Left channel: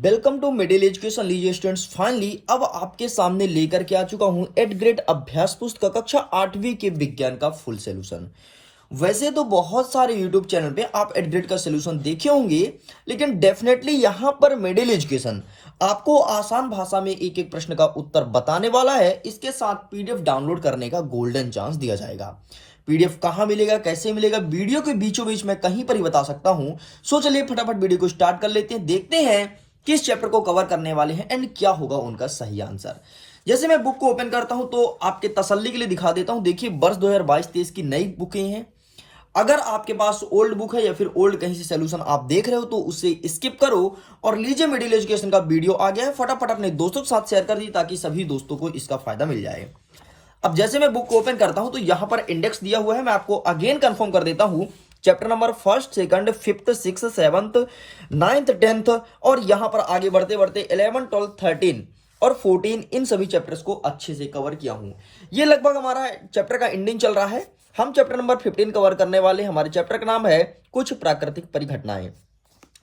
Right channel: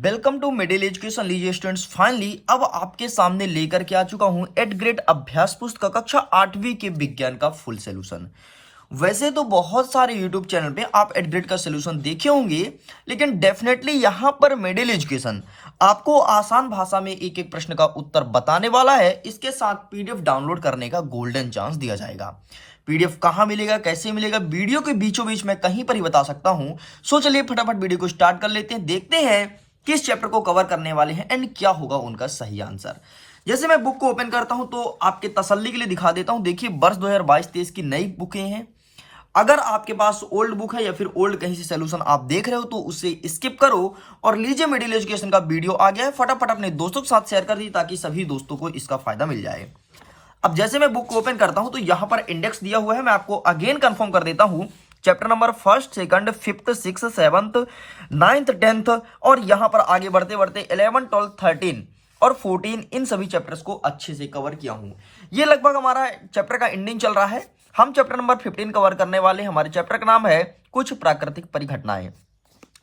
Welcome to middle education. लीजिए students, finally अब आपके सामने लेकर के आ चुका हूं एट ग्रेड अभ्यास पुस्तक कक्षा 8वीं के विज्ञान का फुल सॉल्यूशन। वैसे तो बहुत सारे यूट्यूब चैनल पे आप एट ग्रेड का सॉल्यूशन देखे होंगे, लेकिन डेफिनेटली यहां पर मिडिल एजुकेशन आपको आसान भाषा में एक एक प्रश्न का उत्तर बताने वाला है। इसके साथ पीडीएफ डाउनलोड करने का गोल्डन चांस दिया जाएगा। पीडीएफ कहां मिलेगा, कैसे मिलेगा, वीडियो के बीचों बीच में कहीं पर ही बता सकता हूं। सो चलिए फटाफट वीडियो को स्टार्ट कर लेते हैं, देखते हैं किस चैप्टर को कवर करने वाले हैं एंड क्या होगा उनका सही आंसर। जैसे मैं बुक को ओपन करता हूं तो आपके तसल्ली के लिए दिखा देता हूं। देखिए, वर्ष 2022-23 की नई बुकें हैं। अगर आपके पास ओल्ड बुक है या फिर ओल्ड कहीं से सोल्यूशन आप देख रहे हो तो उसे स्किप करो और लीजिए मिडिल एजुकेशन का वीडियो आ गया है, फटाफट अपने दोस्तों के साथ शेयर कर दीजिए ताकि सभी दोस्तों को इसका फायदा मिल जाए। अब जैसे मैं बुक को ओपन करता हूं तो यहां पर इंडेक्स दिया हुआ है, मैं आपको अगेन कंफर्म कर देता हूं। Chapter number 1st, 2nd, 5th, 6th, 7th, 9th, 10th और यहां पर आगे बढ़ते बढ़ते 11, 12, 13 और 14 इन सभी चैप्टर्स को अच्छे से कवर किया हूं। ये लगभग हमारा चैप्टर का एंडिंग चल रहा है। हम चैप्टर नंबर 15 कवर करने वाले। हमारे चैप्टर का नाम है कुछ प्राकृतिक परिघटनाएं।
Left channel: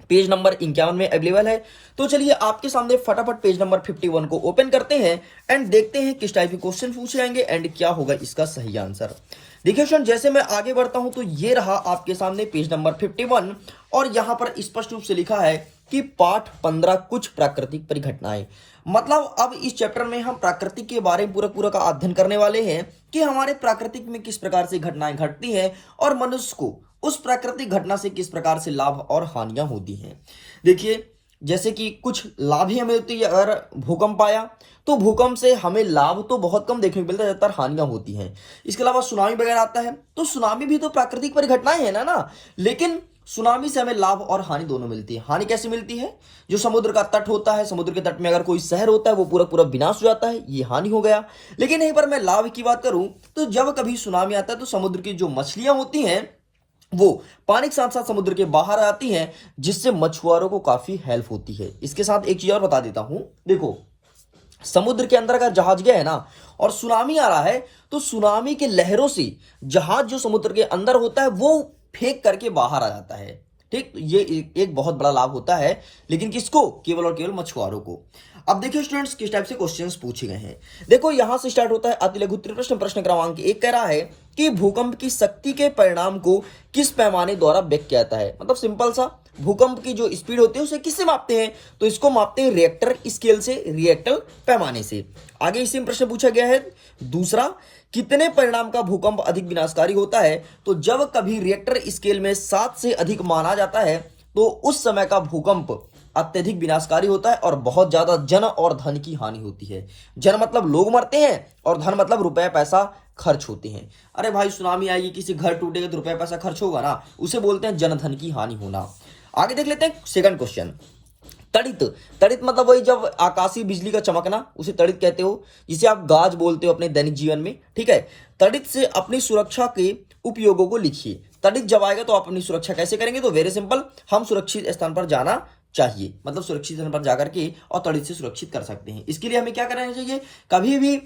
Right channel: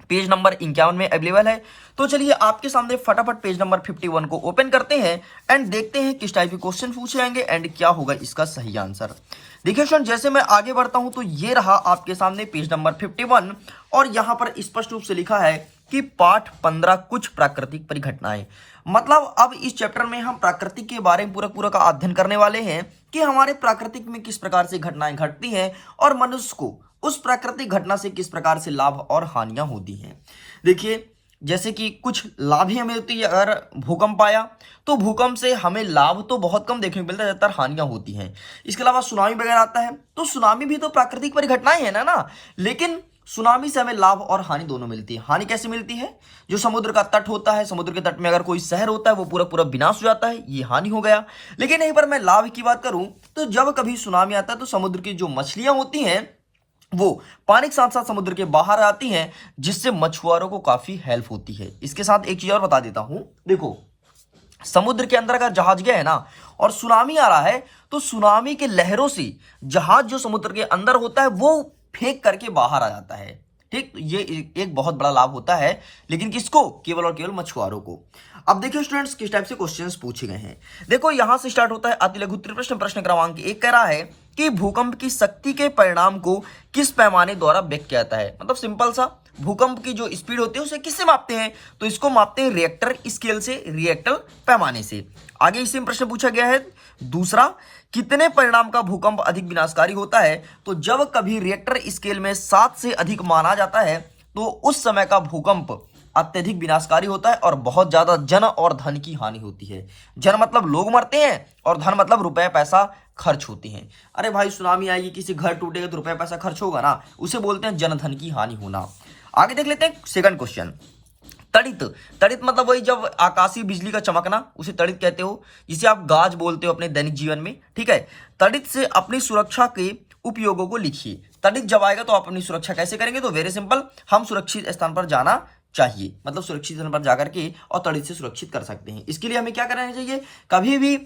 पेज नंबर 51 में अवेलेबल है। तो चलिए आपके सामने फटाफट पेज नंबर 51 को ओपन करते हैं एंड देखते हैं किस टाइप के क्वेश्चन पूछे जाएंगे एंड क्या होगा इसका सही आंसर। देखिए स्टूडेंट, जैसे मैं आगे बढ़ता हूं तो ये रहा आपके सामने पेज नंबर 51 और यहां पर स्पष्ट रूप से लिखा है कि पाठ 15 कुछ प्राकृतिक परिघटनाएं। मतलब अब इस चैप्टर में हम प्राकृतिक के बारे में पूरा का अध्ययन करने वाले हैं कि हमारे प्राकृतिक में किस प्रकार से घटनाएं घटती हैं और मनुष्य को उस प्राकृतिक घटना से किस प्रकार से लाभ और हानियां होती हैं। देखिए, जैसे कि कुछ लाभ ही हमें होती है। अगर भूकंप आया तो भूकंप से हमें लाभ तो बहुत कम देखने को मिलता है, ज्यादातर हानियां होती हैं। इसके अलावा सुनामी वगैरह आता है तो सुनामी भी तो प्राकृतिक परिघटनाएं है ना। लेकिन सुनामी से हमें लाभ और हानि दोनों मिलती है। हानि कैसे मिलती है? जो समुद्र का तट होता है, समुद्र के तट में अगर कोई शहर होता है वो पूरा विनाश हो जाता है, ये हानि हो गया। लेकिन यहीं पर मैं लाभ की बात करूं तो जब कभी सुनामी आता है तो समुद्र की जो मछलियां होती हैं वो पानी के साथ साथ समुद्र के बाहर आती हैं, जिससे मछुआरों को काफी हेल्प होती है। इसके साथ एक चीज और बता देता हूं। देखो, समुद्र के अंदर का जहाज गया है ना और सुनामी आ रहा है तो सुनामी के लहरों से जहाज जो समुद्र के अंदर होता है वो फेंक करके बाहर आ जाता है। ठीक, ये एक बहुत बड़ा लाभ होता है। लेकिन किसको? केवल और केवल मछुआरों को। अब देखिए स्टूडेंट्स, किस टाइप से क्वेश्चंस पूछे गए हैं। देखो, यहां से स्टार्ट होता है अति लघु प्रश्न। प्रश्न क्रमांक 1 कह रहा है कि भूकंप की शक्ति के परिणाम को किस पैमाने द्वारा व्यक्त किया जाता है। मतलब सिंपल सा, भूकंप की जो स्पीड होती है उसे किससे मापते हैं? तो इसको मापते हैं रिएक्टर स्केल से, रिएक्टर पैमाने से। आगे इसी में प्रश्न पूछा गया है दूसरा, कितने परिणाम का भूकंप अधिक विनाशकारी होता है? तो जब कभी रिएक्टर स्केल में 7 से अधिक माना जाता है तो उस समय का भूकंप अत्यधिक विनाशकारी होता है और बहुत ज्यादा जन और धन की हानि होती है। जन मतलब लोग मरते हैं और धन मतलब रुपए पैसा खर्च होते हैं। अरे भाई, सुनामी आएगी, किसी घर टूटेगा तो रुपए पैसा खर्च होगा ना, उसे बोलते हैं जन धन की हानि होना। आगे देख लेते हैं सेकंड क्वेश्चन। तड़ित। तड़ित मतलब वही जब आकाशीय बिजली का चमकना, उसे तड़ित कहते हो, जिसे आप गाज बोलते हो अपने दैनिक जीवन में। ठीक है, तड़ित से अपनी सुरक्षा के उपयोगों को लिखिए। तड़ित जब आएगा तो आप अपनी सुरक्षा कैसे करेंगे? तो वेरी सिंपल, हम सुरक्षित स्थान पर जाना चाहिए। मतलब सुरक्षित स्थान पर जाकर के और तड़ित से सुरक्षित कर सकते हैं। इसके लिए हमें क्या करना चाहिए? कभी भी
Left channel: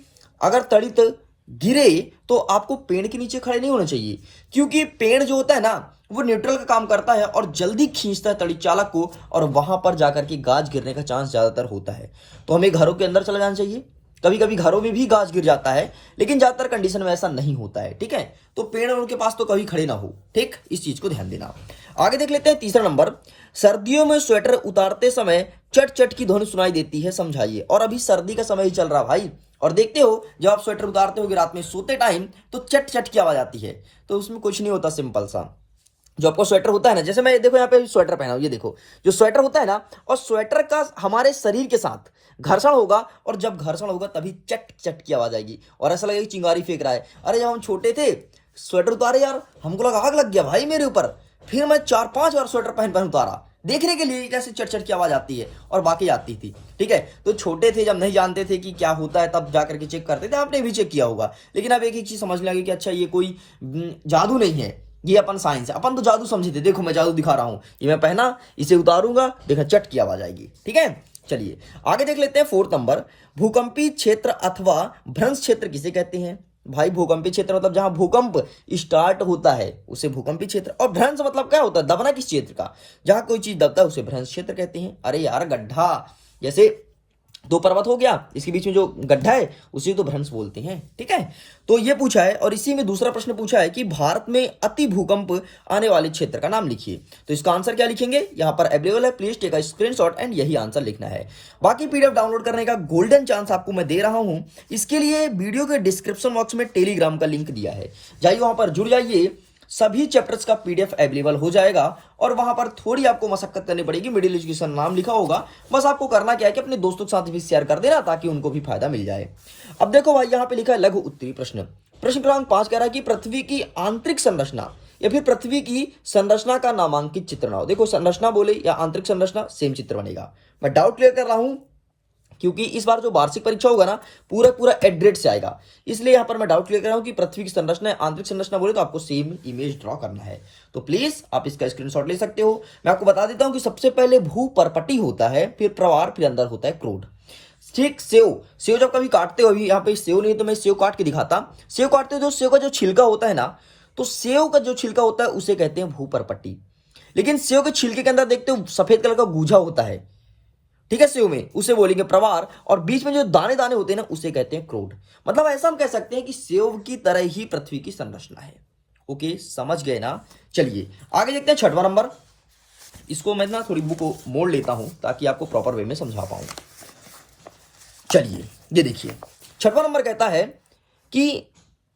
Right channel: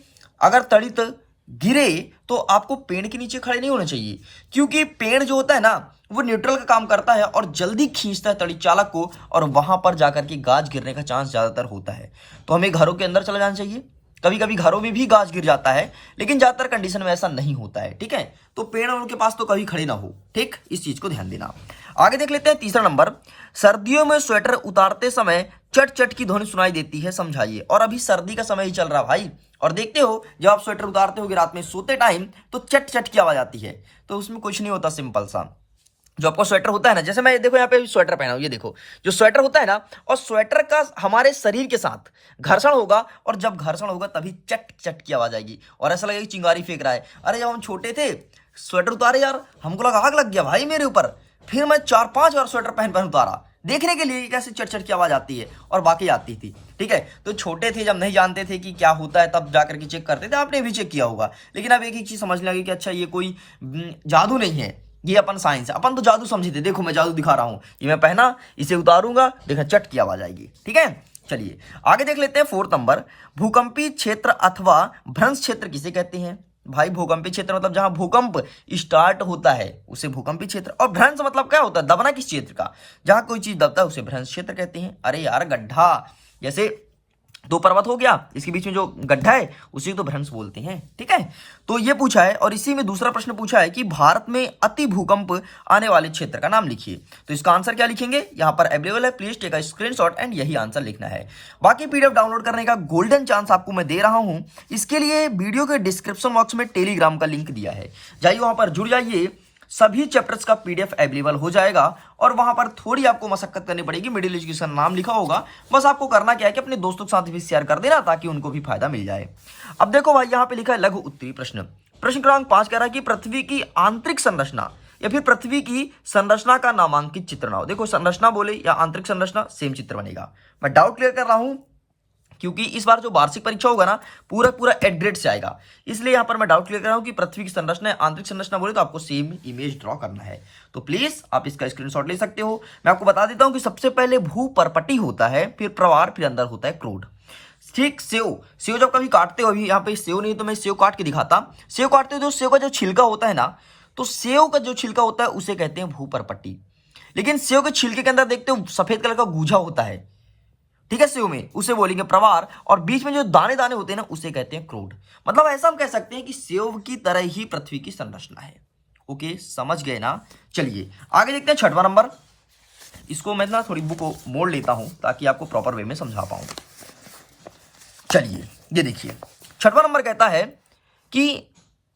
अगर तड़ित गिरे तो आपको पेड़ के नीचे खड़े नहीं होना चाहिए, क्योंकि पेड़ जो होता है ना वो न्यूट्रल का काम करता है और जल्दी खींचता है तड़ित चालक को और वहां पर जाकर के गाज गिरने का चांस ज्यादातर होता है। तो हमें घरों के अंदर चला जाना चाहिए। कभी कभी घरों में भी गाज गिर जाता है, लेकिन ज्यादातर कंडीशन में ऐसा नहीं होता है। ठीक है, तो पेड़ उनके पास तो कभी खड़े ना हो। ठीक, इस चीज को ध्यान देना। आगे देख लेते हैं तीसरा नंबर। सर्दियों में स्वेटर उतारते समय चट चट की ध्वनि सुनाई देती है, समझाइए। और अभी सर्दी का समय ही चल रहा भाई, और देखते हो जब आप स्वेटर उतारते हो रात में सोते टाइम तो चट चट की आवाज आती है। तो उसमें कुछ नहीं होता, सिंपल सा। जो आपको स्वेटर होता है ना, जैसे मैं देखो यहाँ पे स्वेटर पहना हूं, ये देखो जो स्वेटर होता है ना, और स्वेटर का हमारे शरीर के साथ घर्षण होगा और जब घर्षण होगा तभी चट चट की आवाज आएगी और ऐसा लगेगा चिंगारी फेंक रहा है। अरे जब हम छोटे थे स्वेटर उतारे यार, हमको लगा आग लग गया भाई मेरे ऊपर। फिर मैं 4-5 बार स्वेटर पहन उतारा देखने के लिए कैसे चट चट की आवाज आती है, और बाकी आती थी। ठीक है, तो छोटे थे जब नहीं जानते थे कि क्या होता है तब जाकर के चेक करते थे। आपने भी चेक किया होगा। लेकिन अब एक ही चीज समझ लगी कि अच्छा ये कोई जादू नहीं है, ये अपन साइंस है। अपन तो जादू समझे थे। देखो मैं जादू दिखा रहा हूं, ये मैं पहना, इसे उतारूंगा, देखा चट की आवाज आएगी। ठीक है, चलिए आगे देख लेते हैं 4th नंबर। भूकंपी क्षेत्र अथवा भ्रंश क्षेत्र किसे कहते हैं? भाई भूकंपीय क्षेत्र मतलब जहां भूकंप स्टार्ट होता है उसे भूकंपीय क्षेत्र। और भ्रंश मतलब क्या होता है, दबना किस क्षेत्र का, जहां कोई चीज दबता है उसे भ्रंश क्षेत्र कहते हैं। अरे यार गड्ढा, जैसे दो पर्वत हो गया, इसके बीच में जो गड्ढा है उसी को तो भ्रंश बोलते हैं। ठीक है, तो ये पूछा है। और इसी में दूसरा प्रश्न पूछा है कि भारत में अति भूकंप आने वाले क्षेत्र का नाम लिखिए। तो इसका आंसर क्या लिखेंगे, यहां पर अवेलेबल है, please take a screenshot and यही आंसर लिखना है। बाकी पीडीएफ डाउनलोड करने का गोल्डन चांस आपको मैं दे रहा हूं। इसके लिए वीडियो के डिस्क्रिप्शन बॉक्स में टेलीग्राम का लिंक दिया है, जाइए वहां पर जुड़ जाइए, सभी चैप्टर्स का पीडीएफ अवेलेबल हो जाएगा। और वहां पर थोड़ी आपको मशक्कत करनी पड़ेगी, मिडिल एजुकेशन नाम लिखा होगा। बस आपको करना क्या है कि अपने दोस्तों के साथ भी शेयर कर देना ताकि उनको भी फायदा मिल जाए। अब देखो भाई, यहाँ पे लिखा है लघु उत्तरीय प्रश्न। प्रश्न क्रमांक 5 कह रहा है कि पृथ्वी की आंतरिक संरचना या फिर पृथ्वी की संरचना का नामांकित चित्र बनाओ। देखो संरचना बोले या आंतरिक संरचना, सेम चित्र बनेगा। मैं डाउट क्लियर कर रहा हूं क्योंकि इस बार जो वार्षिक परीक्षा होगा ना, पूरा पूरा एड्रेट से आएगा, इसलिए यहां पर मैं डाउट क्लियर कर रहा हूं कि पृथ्वी की संरचना आंतरिक संरचना बोले तो आपको सेम इमेज ड्रॉ करना है। तो प्लीज आप इसका स्क्रीनशॉट ले सकते हो। मैं आपको बता देता हूं कि सबसे पहले भू परपटी होता है, फिर प्रवार, फिर अंदर होता है क्रोड। ठीक, सेव जब कभी काटते हो, अभी यहाँ पे सेव नहीं तो मैं सेव काट के दिखाता। सेव काटते हो जो सेव का जो छिलका होता है ना, तो सेव का जो छिलका होता है उसे कहते हैं भू परपट्टी। लेकिन सेव के छिलके के अंदर देखते हो सफेद कलर का गूजा होता है, ठीक है, सेव में, उसे बोलेंगे प्रवार। और बीच में जो दाने दाने होते हैं ना उसे कहते हैं क्रोड। मतलब ऐसा हम कह सकते हैं कि सेव की तरह ही पृथ्वी की संरचना है। ओके, समझ गए ना। चलिए आगे देखते हैं 6वां नंबर। इसको मैं ना थोड़ी बुक को मोड़ लेता हूं ताकि आपको प्रॉपर वे में समझा पाऊं। चलिए ये देखिए, 6वां नंबर कहता है कि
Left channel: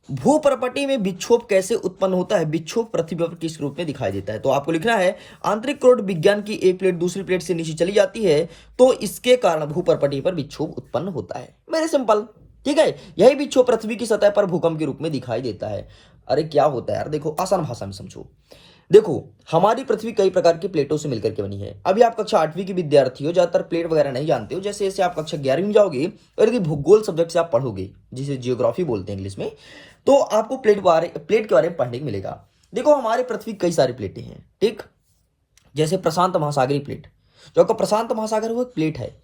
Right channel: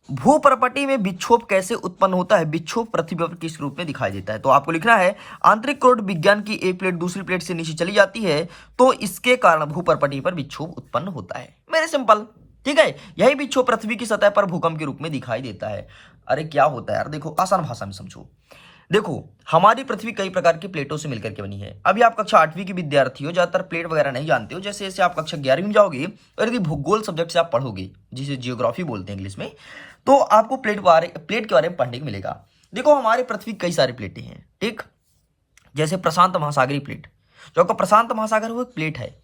भूपर्पटी में विक्षोभ कैसे उत्पन्न होता है, विक्षोभ पृथ्वी पर किस रूप में दिखाई देता है। तो आपको लिखना है आंतरिक क्रोड विज्ञान की एक प्लेट दूसरी प्लेट से नीचे चली जाती है तो इसके कारण भूपर्पटी पर विक्षोभ उत्पन्न होता है। मेरे सिंपल, ठीक है, यही विक्षोभ पृथ्वी की सतह पर भूकंप के रूप में दिखाई देता है। अरे क्या होता है यार, देखो आसान भाषा में समझो। देखो हमारी पृथ्वी कई प्रकार की प्लेटों से मिलकर के बनी है। अभी आप कक्षा 8वीं के विद्यार्थी हो, ज्यादातर प्लेट वगैरह नहीं जानते हो। जैसे जैसे आप कक्षा 11वीं में जाओगे और यदि भूगोल सब्जेक्ट से आप पढ़ोगे, जिसे जियोग्राफी बोलते हैं इंग्लिश में, तो आपको प्लेट के बारे में पढ़ने को मिलेगा। देखो हमारे पृथ्वी कई सारी प्लेटें हैं, ठीक, जैसे प्रशांत महासागरीय प्लेट, जो आपका प्रशांत महासागर वो एक प्लेट है।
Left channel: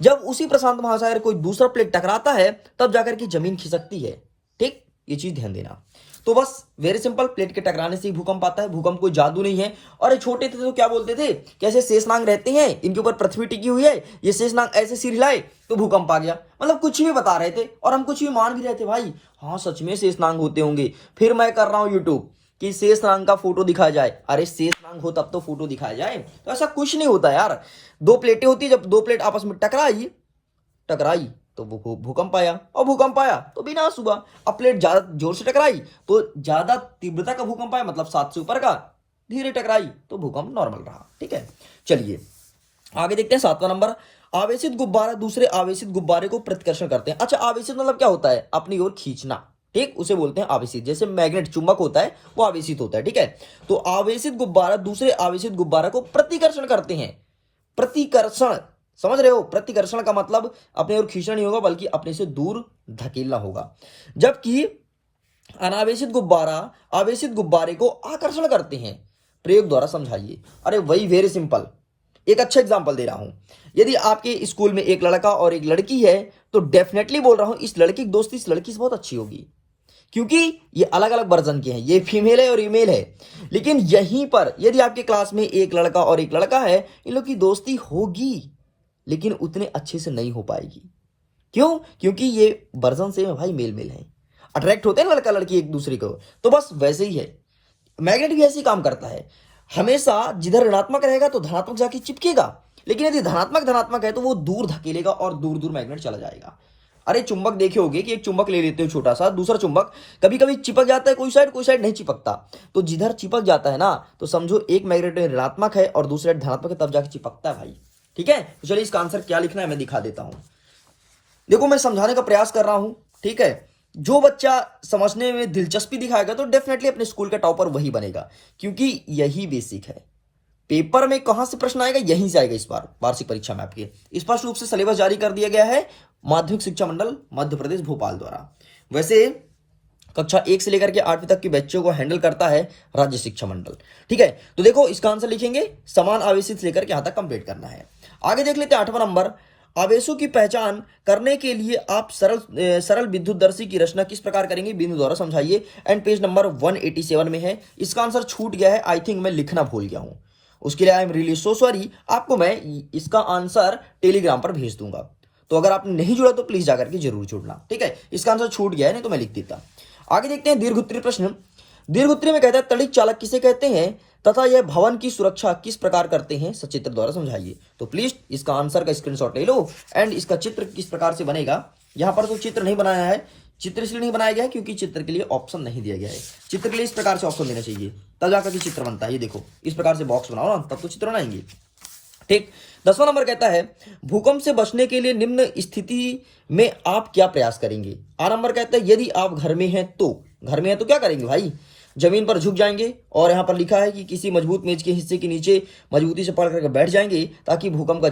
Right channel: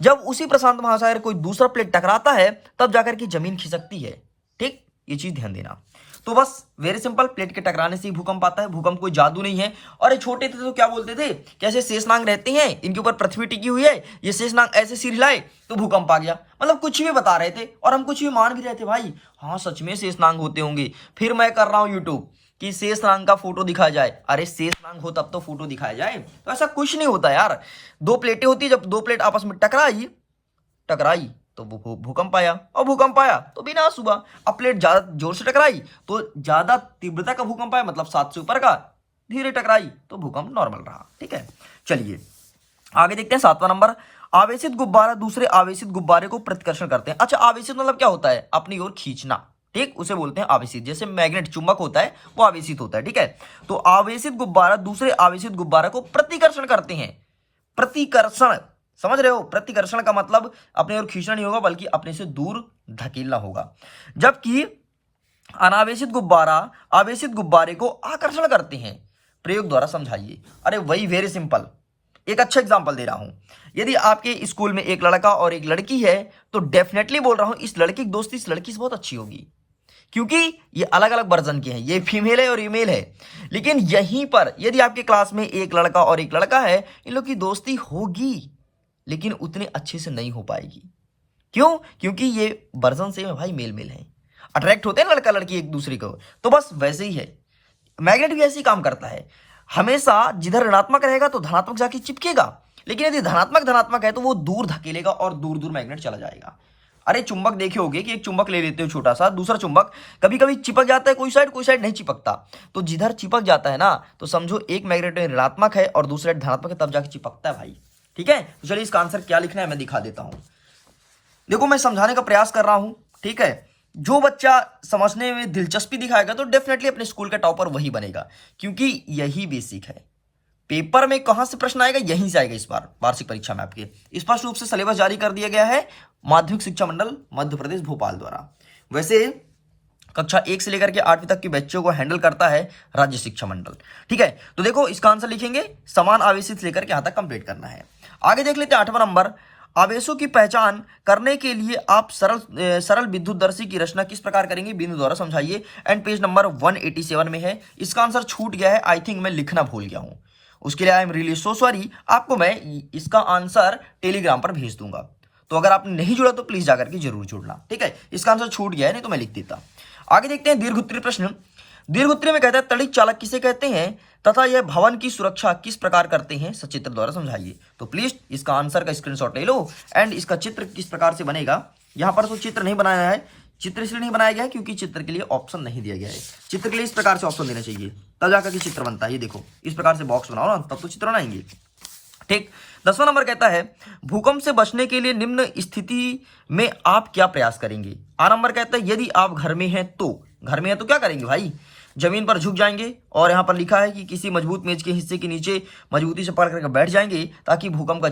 जब उसी प्रशांत महासागर कोई दूसरा प्लेट टकराता है तब जाकर के जमीन खिसकती है, ठीक, ये चीज ध्यान देना। तो बस वेरी सिंपल, प्लेट के टकराने से ही भूकंप आता है। भूकंप कोई जादू नहीं है। और ये छोटे थे तो क्या बोलते थे, कैसे शेषनाग रहते हैं, इनके ऊपर पृथ्वी टिकी हुई है, ये शेषनाग ऐसे सिर हिलाए तो भूकंप आ गया। मतलब कुछ भी बता रहे थे और हम कुछ भी मान भी रहे थे। भाई हाँ सच में शेषनाग होते होंगे। फिर मैं कर रहा हूं यूट्यूब कि शेषनाग का फोटो दिखाया जाए। अरे शेषनाग हो तब तो फोटो दिखाया जाए। तो ऐसा कुछ नहीं होता यार। दो प्लेटें होती है, जब दो प्लेट आपस में टकराई तो भूकंप आया, और भूकंप आया तो विनाश हुआ। अब प्लेट ज्यादा जोर से टकराई तो ज्यादा तीव्रता का भूकंप आया, मतलब 7 से ऊपर का। धीरे टकराई तो भूकंप नॉर्मल रहा। ठीक है, चलिए आगे देखते हैं 7वां नंबर। आवेशित गुब्बारा दूसरे आवेशित गुब्बारे को प्रतिकर्षण करते हैं। अच्छा, आवेशित मतलब क्या होता है, अपनी ओर खींचना, ठीक, उसे बोलते हैं आवेशित। जैसे मैग्नेट चुंबक होता है वो आवेशित होता है। ठीक है, तो आवेशित गुब्बारा दूसरे आवेशित गुब्बारा को प्रतिकर्षण करते हैं। प्रतिकर्षण, समझ रहे हो, प्रतिकर्षण का मतलब अपने ओर खींचना नहीं होगा बल्कि अपने से दूर धकेलना होगा। जबकि अनावेशित गुब्बारा आवेशित गुब्बारे को आकर्षण करते हैं। प्रयोग द्वारा समझाइए। अरे वही वेरी सिंपल, एक अच्छा एग्जांपल दे रहा हूं। यदि आपके स्कूल में एक लड़का और एक लड़की है तो डेफिनेटली बोल रहा हूं इस लड़की की दोस्ती इस लड़की से बहुत अच्छी होगी, क्योंकि ये अलग अलग वर्जन के हैं, ये फीमेल है और ये मेल है। लेकिन यहीं पर यदि आपके क्लास में एक लड़का और एक लड़का है, इन लोग की दोस्ती होगी लेकिन उतने अच्छे से नहीं हो पाएगी। क्यों? क्योंकि ये वर्जन से भाई मेल है, अट्रैक्ट होते हैं लड़का लड़की एक दूसरे को। तो बस वैसे ही है, मैग्नेट भी ऐसे ही काम करता है। हमेशा जिधर ऋणात्मक रहेगा तो धनात्मक जाके चिपकेगा, लेकिन यदि धनात्मक है तो वो दूर धकेलेगा और दूर दूर मैग्नेट चला जाएगा। अरे चुंबक देखे होगे कि एक चुंबक ले लेते हो छोटा सा, दूसरा चुंबक कभी कभी चिपक जाता है, कोई साइड नहीं चिपकता। तो जिधर चिपक जाता है ना, तो समझो एक मैग्नेट ऋणात्मक है और दूसरा धनात्मक है, तब जाके चिपकता है भाई। ठीक है, तो चलिए इसका आंसर क्या लिखना है मैं दिखा देता हूं। देखो मैं समझाने का प्रयास कर रहा हूं, ठीक है। जो बच्चा समझने में दिलचस्पी दिखाएगा तो डेफिनेटली अपने स्कूल का टॉपर वही बनेगा, क्योंकि यही बेसिक है। पेपर में कहां से प्रश्न आएगा, यहीं से आएगा। इस बार वार्षिक परीक्षा में आपके स्पष्ट रूप से सिलेबस जारी कर दिया गया है माध्यमिक शिक्षा मंडल मध्य प्रदेश भोपाल द्वारा। वैसे कक्षा 1 से लेकर के 8वीं तक के बच्चों को हैंडल करता है राज्य शिक्षा मंडल। ठीक है, तो देखो इसका आंसर लिखेंगे समान आवेशित से लेकर के यहां तक कंप्लीट करना है। आगे देख लेते हैं 8वां नंबर। आवेशों की पहचान करने के लिए आप सरल विद्युतदर्शी की रचना किस प्रकार करेंगे, बिंदु द्वारा समझाइए। एंड पेज नंबर 187 में है। इसका आंसर छूट गया है, आई थिंक मैं लिखना भूल गया हूं, उसके लिए I am really so sorry. आपको मैं इसका आंसर टेलीग्राम पर भेज दूंगा, तो अगर आपने नहीं जुड़ा तो प्लीज जाकर के जरूर जुड़ना, ठीक है। इसका आंसर छूट गया है, नहीं तो मैं लिख देता। आगे देखते हैं दीर्घ उत्तरीय प्रश्न। दीर्घ उत्तरीय में कहता है तड़िक चालक किसे कहते हैं तथा यह भवन की सुरक्षा किस प्रकार करते हैं, सचित्र द्वारा समझाइए। तो प्लीज इसका आंसर का स्क्रीनशॉट ले लो एंड इसका चित्र किस प्रकार से बनेगा। यहां पर तो चित्र नहीं बनाया है, चित्र इसलिए नहीं बनाया गया है क्योंकि चित्र के लिए ऑप्शन नहीं दिया गया है। चित्र के लिए इस प्रकार से ऑप्शन देना चाहिए, तब जाकर के चित्र बनता है। ये देखो, इस प्रकार से बॉक्स बनाओ ना, तब तो चित्र बनाएंगे, ठीक। 10वां नंबर कहता है भूकंप से बचने के लिए निम्न स्थिति में आप क्या प्रयास करेंगे। आ नंबर कहता है यदि आप घर में हैं तो, घर में है तो क्या करेंगे भाई, जमीन पर झुक जाएंगे और यहां पर लिखा है कि किसी मजबूत मेज के हिस्से के नीचे मजबूती से पकड़ करके बैठ जाएंगे ताकि भूकंप का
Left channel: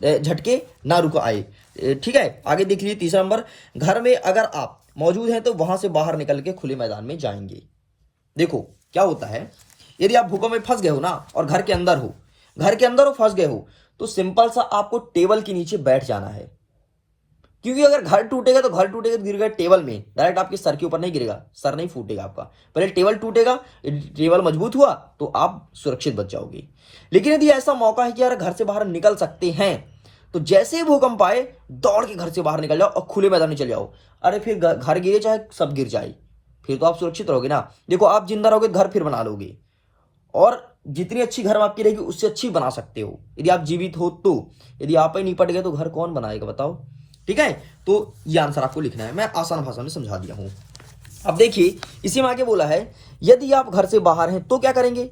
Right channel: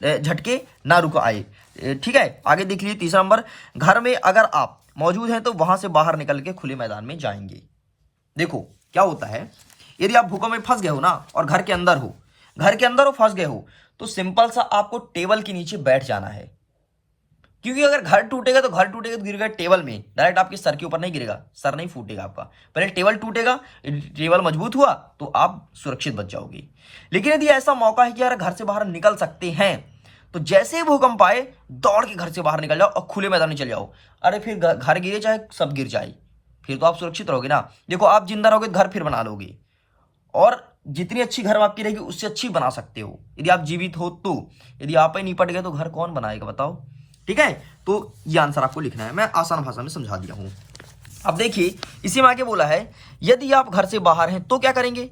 झटके ना रुक आए, ठीक है। आगे देख लीजिए 3रा नंबर, घर में अगर आप मौजूद हैं तो वहां से बाहर निकल के खुले मैदान में जाएंगे। देखो क्या होता है, यदि आप भूकंप में फंस गए हो ना और घर के अंदर हो फंस गए हो, तो सिंपल सा आपको टेबल के नीचे बैठ जाना है, क्योंकि अगर घर टूटेगा तो गिरेगा टेबल में, डायरेक्ट आपके सर के ऊपर नहीं गिरेगा, सर नहीं फूटेगा आपका, पहले टेबल टूटेगा, टेबल मजबूत हुआ तो आप सुरक्षित बच जाओगे। लेकिन यदि ऐसा मौका है कि यार घर से बाहर निकल सकते हैं, तो जैसे ही भूकंप आए दौड़ के घर से बाहर निकल जाओ और खुले मैदान में चले जाओ। अरे फिर घर गिरे चाहे सब गिर जाए, फिर तो आप सुरक्षित रहोगे ना। देखो आप जिंदा रहोगे घर फिर बना लोगे, और जितनी अच्छी घर आपकी रहेगी उससे अच्छी बना सकते हो यदि आप जीवित हो तो। यदि आप ही निपट गए तो घर कौन बनाएगा बताओ, ठीक है। तो ये आंसर आपको लिखना है, मैं आसान भाषा में समझा दिया हूं। अब देखिए इसी में आगे बोला है यदि आप घर से बाहर हैं तो क्या करेंगे।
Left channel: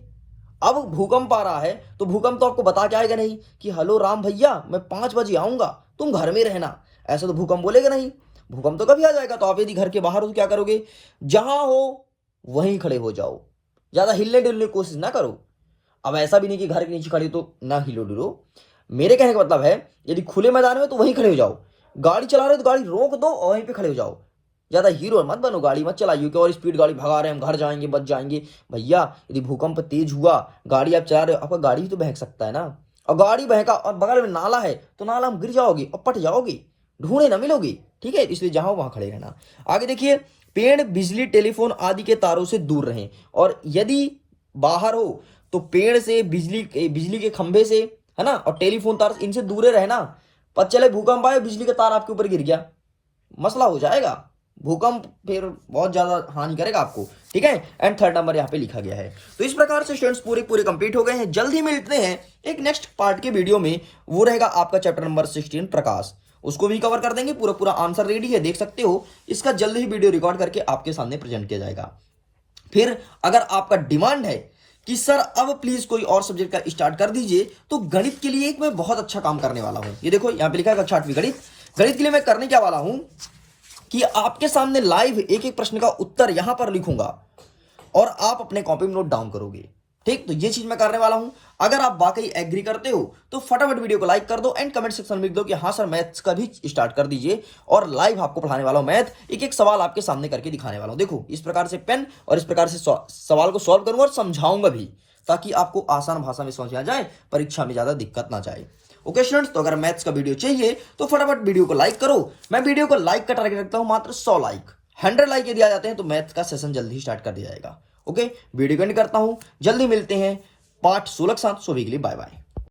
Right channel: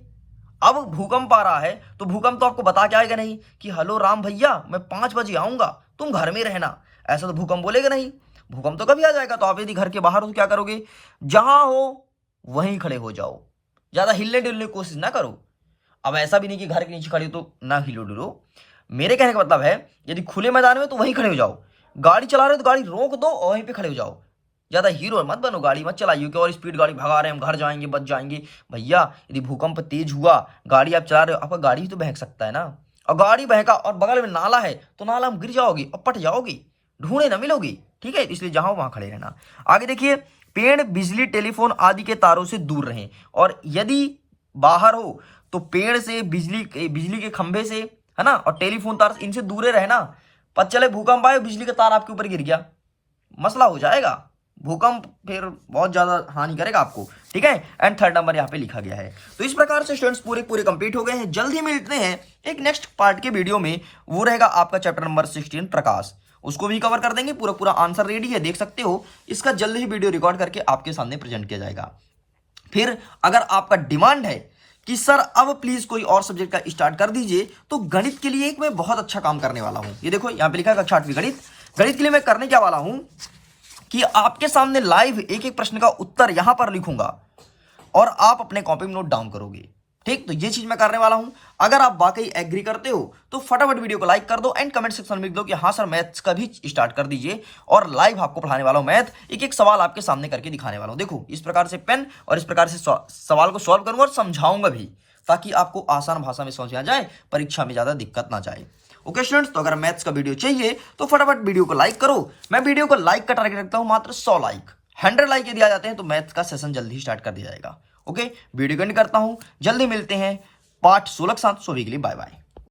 अब भूकंप आ रहा है तो भूकंप तो आपको बता के आएगा नहीं कि हेलो राम भैया मैं 5 बजे आऊंगा तुम घर में रहना, ऐसा तो भूकंप बोलेगा नहीं। भूकंप तो कभी आ जाएगा। तो आप यदि घर के बाहर हो तो क्या करोगे, जहां हो वहीं खड़े हो जाओ, ज्यादा हिलने डुलने की कोशिश ना करो। अब ऐसा भी नहीं कि घर के नीचे खड़े हो तो ना हिलो डुलो, मेरे कहने का मतलब है यदि खुले मैदान में तो वहीं खड़े हो जाओ, गाड़ी चला रहे हो तो गाड़ी रोक दो और वहीं पे खड़े हो जाओ। ज्यादा हीरो मत बनो, गाड़ी मत चलाइए कि और स्पीड गाड़ी भगा रहे हैं हम घर जाएंगे बच जाएंगे। भैया यदि भूकंप तेज हुआ, गाड़ी आप चला रहे हो, आपका गाड़ी भी तो बहक सकता है ना, और गाड़ी बहका और बगल में नाला है तो नाला में गिर जाओगे और पट जाओगे, ढूंढे ना मिलोगे, ठीक है। इसलिए जहां वहां खड़े रहना। आगे देखिए पेड़ बिजली टेलीफोन आदि के तारों से दूर रहें, और यदि बाहर हो तो पेड़ से बिजली के खंभे से, है ना, और टेलीफोन तार इनसे दूर रहना। पता चले भूकंप आए बिजली का तार आपके ऊपर गिर गया, मसला हो जाएगा, भूकंप फिर बहुत ज्यादा हानि करेगा आपको, ठीक है। एंड 3rd नंबर यहाँ पे लिखा गया है। तो इस प्रकार से स्टूडेंट्स पूरे कंप्लीट हो गए हैं। जल्दी मिलते हैं एक नेक्स्ट पार्ट के वीडियो में, वो रहेगा आपका चैप्टर नंबर 16 प्रकाश, उसको भी कवर कर देंगे। पूरा आंसर रेडी है, देख सकते हो। इसका जल्द ही वीडियो रिकॉर्ड करके आपके सामने प्रेजेंट किया जाएगा। फिर अगर आपका डिमांड है कि सर अब प्लीज कोई और सब्जेक्ट का स्टार्ट कर दीजिए, तो गणित के लिए एक मैं बहुत अच्छा काम करने वाला हूं। ये देखो यहां पे लिखा है कक्षा 8वीं गणित। गणित के लिए मैं करने क्या वाला हूं कि आपके सामने लाइव एक प्रश्न का उत्तर यहां पर लिखूंगा और आप अपने कॉपी में नोट डाउन करोगे, ठीक। तो ये चीज मैं करने वाला हूं। अगर आप वाकई एग्री करते हो तो फटाफट वीडियो को लाइक कर दो एंड कमेंट सेक्शन में लिख दो कि हाँ सर मैथ्स का भी स्टार्ट कर दीजिए, और लाइव आपको पढ़ाने वाला हूं मैथ, एक सवाल आपके सामने करके दिखाने वाला हूं। देखो इस प्रकार से पेन और इस प्रकार से सवाल को सॉल्व करूंगा और समझाऊंगा भी, ताकि आपको आसान भाषा में समझ में आ जाए, परीक्षा में ज्यादा दिक्कत ना जाए। ओके स्टूडेंट्स, तो अगर मैथ्स का वीडियो चाहिए तो फटाफट वीडियो को लाइक करो। मैं वीडियो को लाइक का टारगेट रखता हूं मात्र 100 लाइक। 100 लाइक यदि आ जाते हैं तो मैथ्स का सेशन जल्दी ही स्टार्ट कर दिया जाएगा। ओके वीडियो को एंड करता हूं, जल्दी मिलते हैं पार्ट 16 के साथ। सभी के लिए बाय बाय।